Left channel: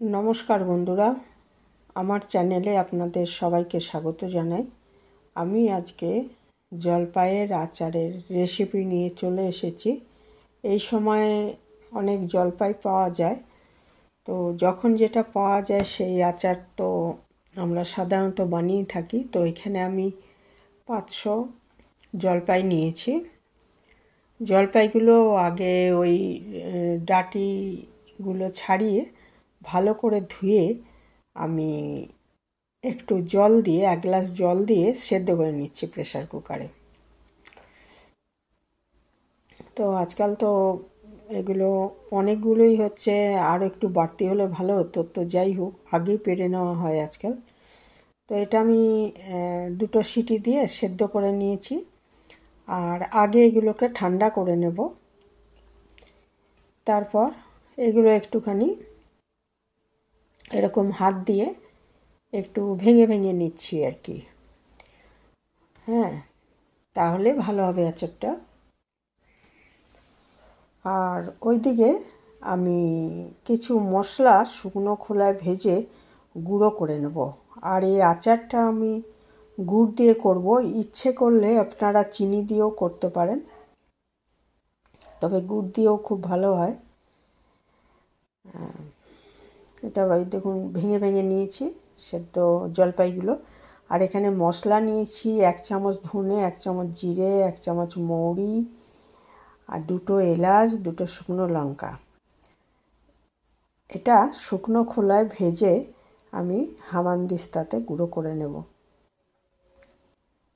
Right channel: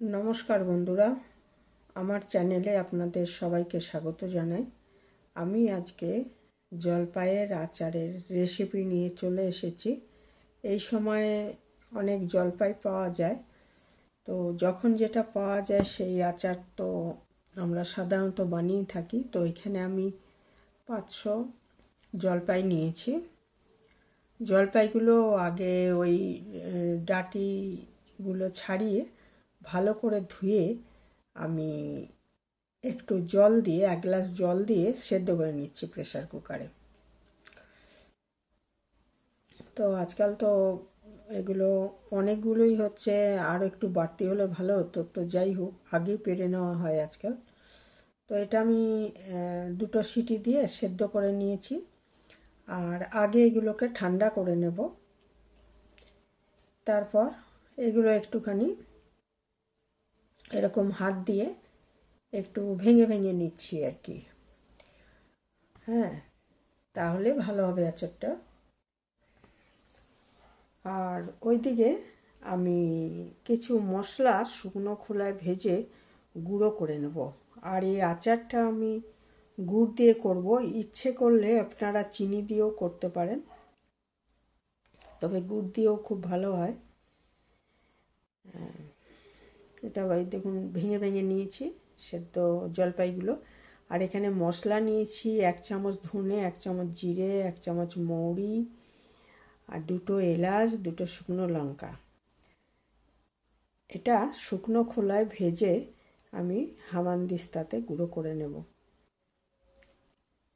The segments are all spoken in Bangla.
নমস্কার বন্ধুরা, আমার চ্যানেলে আপনাদের সবাইকে স্বাগত জানাই। আমি আজকে জলপাইয়ের আচারের রেসিপি নিয়ে চলে এসেছি। এই সময়ে অনেক জলপাই পাওয়া যায়, তো যখন যেটা পাওয়া যায় সেই আচার তো আমরা সাধারণত বানিয়ে থাকি। তো এখানে আমি 500 জলপাই নিয়েছি। জলপাইগুলো আগে ওই ডাঁটিগুলো ছাড়িয়ে ভালো করে ধুয়ে আমি একটু জল দিয়ে 1 গ্লাস জল দিয়ে সেদ্ধ করে নিচ্ছি প্রেসার কুকারে। তো আজকাল তো এগুলো অনেকগুলোই হচ্ছে, আর একটু বাড়তি হলে ভালো হতো, তো যাই হোক আগেই পেরে নেওয়া হয় আজকাল। তো এটা আমি 2টো সিটি দিয়ে সেদ্ধ করে নিয়েছি। আর আগে এগুলোকে ঠান্ডা করে নেব। তারপর এগুলো একটুখানি এরকম হাত দিয়ে একটু ভেঙে ভেঙে নিচ্ছি আর কি। হ্যাঁ, তাহলে ভালো হবে আচারটা। আর ওইদিকে আমি কিছু মশলা শুকনো খোলায় ভেজে গুঁড়ো করে নেব। আর এই আচারটা আমি গুড় দিয়ে করব। ইচ্ছে করলে আপনারা চিনি দিয়েও করতে পারেন, তবে গুড় দিয়েও খুব ভালো হয়। এটা ভাই দেখুন ভেঙে ভেঙে নিয়েছি সেদ্ধ জলপাইগুলো। আর এখানে মশলা নিয়েছি 1 চামচ ধনে, 1 চামচ জিরে, 1 চামচ মৌরি, আর 2টো এলাচ, 2টো শুকনো লঙ্কা। এটা শুকনো খোলায় ভেজে আমি হামানদিস্তাতে গুঁড়ো করে নেব,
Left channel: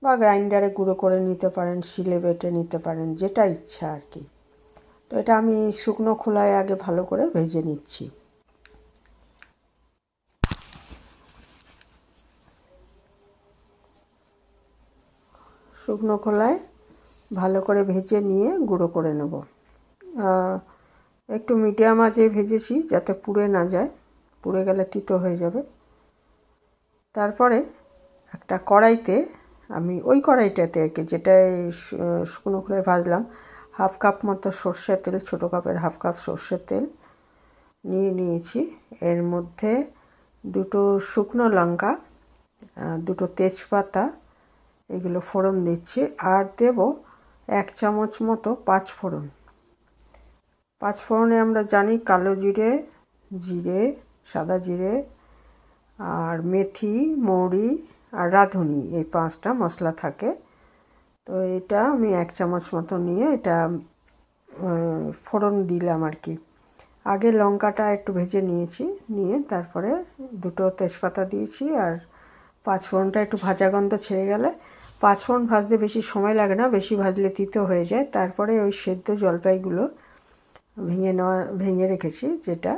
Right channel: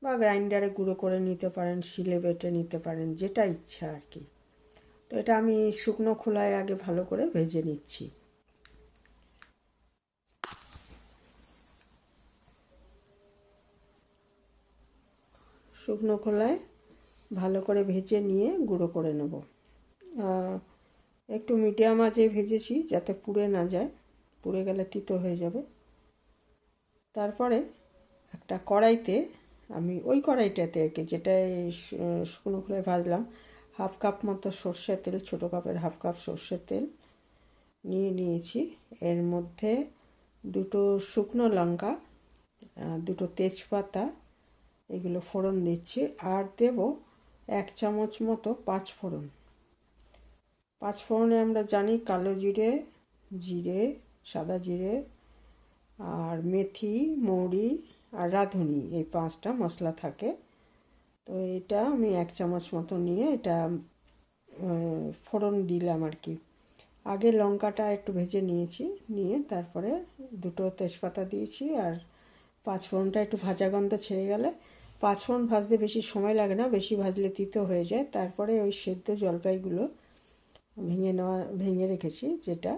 বা গ্রাইন্ডারে গুঁড়ো করে নিতে পারেন, শিলে বেটে নিতে পারেন, যেটা ইচ্ছা আর কি। তো এটা আমি শুকনো খোলায় আগে ভালো করে ভেজে নিচ্ছি। শুকনো খোলায় ভালো করে ভেজে নিয়ে গুঁড়ো করে নেব। একটু মিডিয়াম আঁচে ভেজেছি যাতে পুড়ে না যায়, পুড়ে গেলে তিতো হয়ে যাবে। তারপরে একটা কড়াইতে আমি ওই কড়াইটাতে আর কি, যেটায় শুকনো খোলায় ভাজলাম, 1/2 কাপ মতো সর্ষের তেল, ছোটো কাপের 1/2 কাপ সর্ষের তেল নিয়েছি। এর মধ্যে 2টো শুকনো লঙ্কা, 2টো তেজপাতা, এগুলো ফোড়ন দিচ্ছি। আর দেব 1 চামচ মতো 5 ফোড়ন। 5 ফোড়নে আমরা জানি কালো জিরে, জিরে, সাদা জিরে, আর মেথি, মৌরি আর রাঁধুনি, এই 5টা মশলা থাকে। তো এটা আমি 1 চামচ মতো নিয়ে এটা ফোড়ন দিলাম আর কি। আগে লঙ্কাটা একটু ভেজে নিয়েছি, নিয়ে তারপরে 2টো তেজপাতা দিয়েছি। আর 5 ফোড়নটা একটু ভাজা গন্ধ ছেড়ে গেলে, 5 ফোড়ন ভাজতে বেশি সময় লাগে না, বেশি ভাজলে তিতো হয়ে যায়। তারপরে ওই সেদ্ধ জলপাইগুলো ভেঙে রেখেছি যেটা,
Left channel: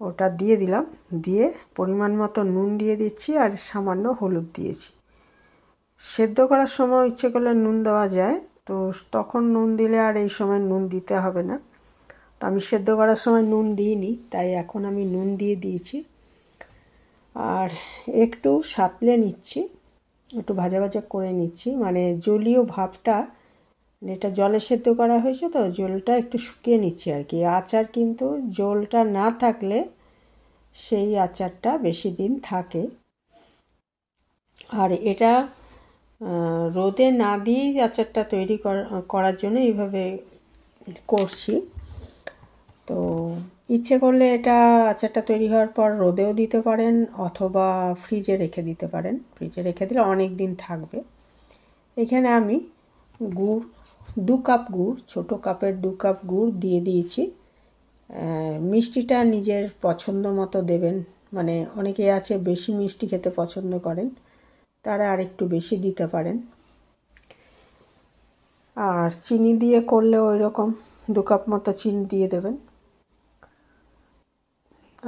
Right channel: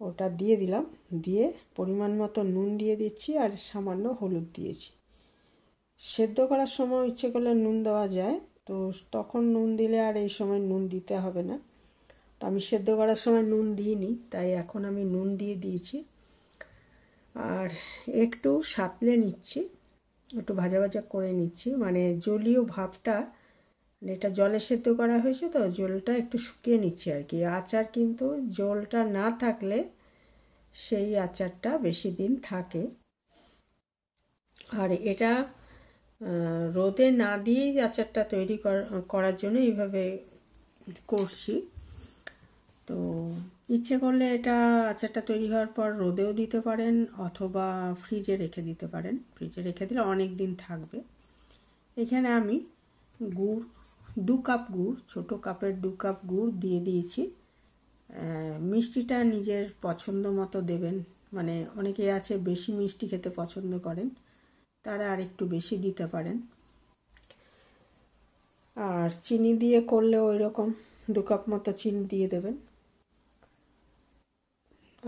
ওটা দিয়ে দিলাম। দিয়ে পরিমাণ মতো নুন দিয়ে দিচ্ছি, আর সামান্য হলুদ দিয়েছি। সেদ্ধ করার সময় ইচ্ছে করলে নুন দেওয়া যায়, তো তখন নুন দিলে আর এই সময় নুন দিতে হবে না। তো আমি সেদ্ধ করার সময় নুন দিইনি, তাই এখন আমি নুন দিয়ে দিয়েছি। আর একটু সাঁতলে নিচ্ছি, একটু ভাজা ভাজা করে নিচ্ছি, মানে জলীয় ভাবটা, এটা জলে সেদ্ধ করা হয়েছে তো জলটা একটু শুকিয়ে নিচ্ছি আর কি। আচার কিন্তু জলটা না থাকলে সেই আচারটা বেশি দিন থাকে। আর এটা রোদে না দিয়েই আচারটা তৈরি করার জন্য এইভাবে করছি। তো ইচ্ছে করলে এটা আচারটা তৈরি হওয়ার পর রোদেও দিতে পারেন, অথবা ফ্রিজে রেখে দিতে পারেন। ফ্রিজে রেখে দিলে অনেক দিন থাকবে। এখানে আমি গুড় 2 কাপ গুড়, ছোটো কাপের 2 কাপ গুড় দিয়ে দিয়েছি। মিষ্টিটা নিজের পছন্দ মতো দেবেন, মানে অনেকে আছে বেশি মিষ্টি খেতে পছন্দ করেন, তারা আর একটু বেশি দিতে পারেন। আর চিনি দিয়ে করলে ওই রকম 2 কাপ মতো চিনি দিয়ে দেবেন।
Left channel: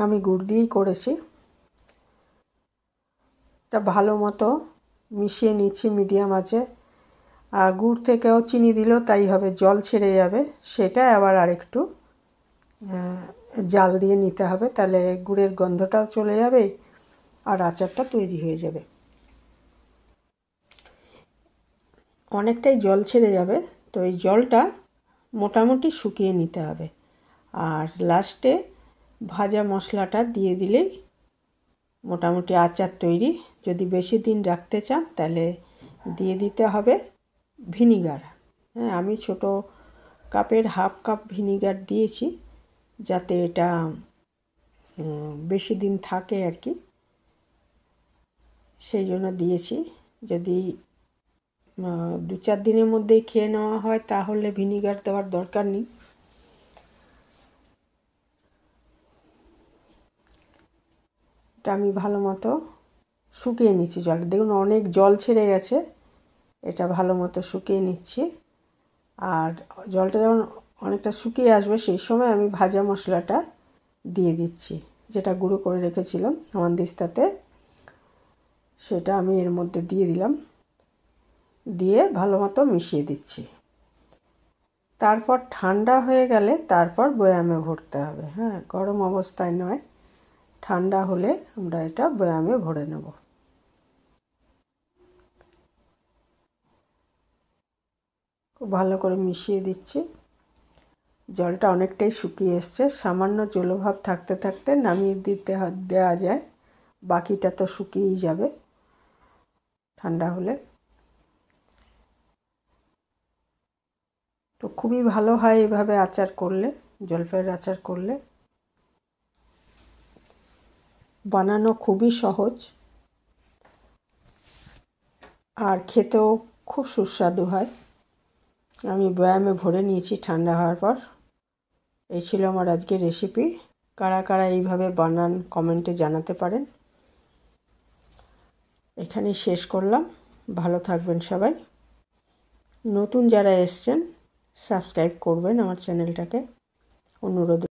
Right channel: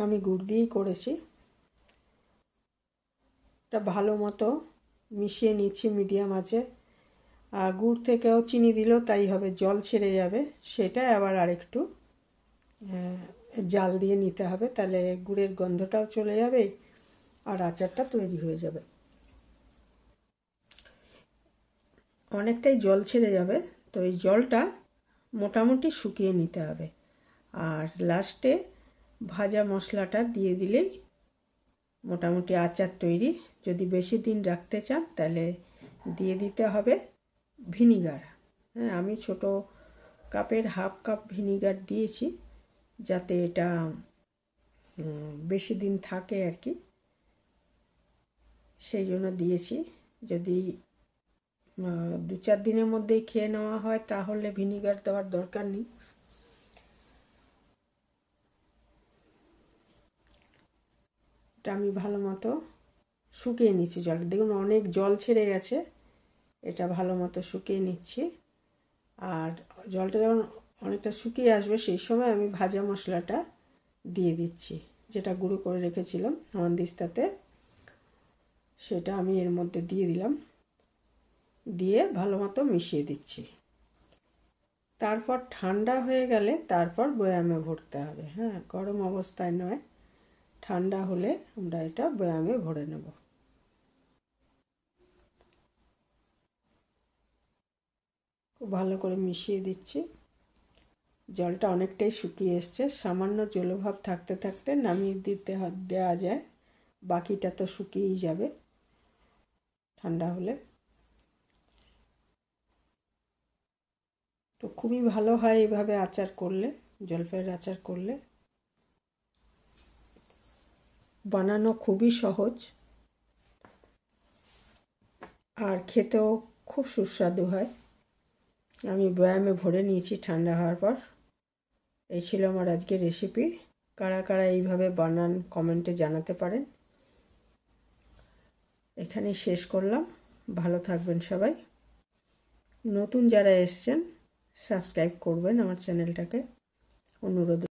আমি গুড় দিয়েই করেছি। এটা ভালো মতো মিশিয়ে নিচ্ছি মিডিয়াম আঁচে। আর গুড় থেকেও চিনি দিলেও তাই হবে, জল ছেড়ে যাবে, সেটা আবার আরেকটু জাল দিয়ে নিতে হবে, তাহলে গুড়ের গন্ধটাও চলে যাবে আর আচারটা তৈরি হয়ে যাবে। অনেকটাই জল ছেড়ে যাবে, তো এই জলটা মোটামুটি শুকিয়ে নিতে হবে। আর লাস্টে ভাজা মশলাটা দিয়ে দিলেই মোটামুটি আচার তৈরি। যদি বেশি দিন রাখতে চান তাহলে দিয়ে দিতে হবে ভিনিগার। হ্যাঁ, আমি ছোট কাপের হাফ কাপ ভিনিগার দিয়েছি যাতে এটা বেশি দিন থাকে আর কি, সেই জন্য দিয়েছি। যদি 2-4 দিনের মধ্যেই খেয়ে নেওয়া হয় তাহলে ভিনিগার দেওয়ার দরকার নেই। এটা আমি ভালো মতো শুকিয়ে নিচ্ছি জলটা। দেখুন অনেক জল ছেড়ে গেছে, এটা ভালো মতো শুকিয়ে নিচ্ছি। আর জলটা যখন অনেকটা শুকিয়ে আসবে সেই সময় আমি ভাজা মশলাটা দিয়ে দিচ্ছি, যেটা গুঁড়ো করে রেখেছিলাম হামানদিস্তাতে, সেটা আমি এর মধ্যে দিয়ে দিলাম। দিয়ে ভালো মতো মিশিয়ে দিচ্ছি। তারপর ঠান্ডা হয়ে গেলে তারপর বয়ামে ভরতে হবে। হ্যাঁ, গরম অবস্থায় নয়, ঠান্ডা হলে আমরা এটা বয়ামে ভরে নেব। খুব ভালো করে মিশিয়ে দিচ্ছি। জলটা অনেকটাই শুকিয়ে এসছে, সামান্য জলভাব থাকতে থাকতে নামিয়ে দেওয়া যায়, বাকিটা তো শুকিয়েই যাবে ঠান্ডা হলে। তো খুবই ভালো হয় এভাবে আচার করলে, জলপাইয়ের আচার করলে। বানানো খুবই সহজ আর খেতেও খুব সুস্বাদু হয়। আমি বয়ামে ভরে নিয়েছি ঠান্ডা হওয়ার পর। এই ছিল আমার আজকের রেসিপি। কারা কারা এইভাবে বানান কমেন্টে জানাতে পারেন। এখানেই শেষ করলাম। ভালো থাকবেন সবাই। নতুন যারা এসছেন সাবস্ক্রাইব করবেন আমার চ্যানেলটাকে, অনুরোধ।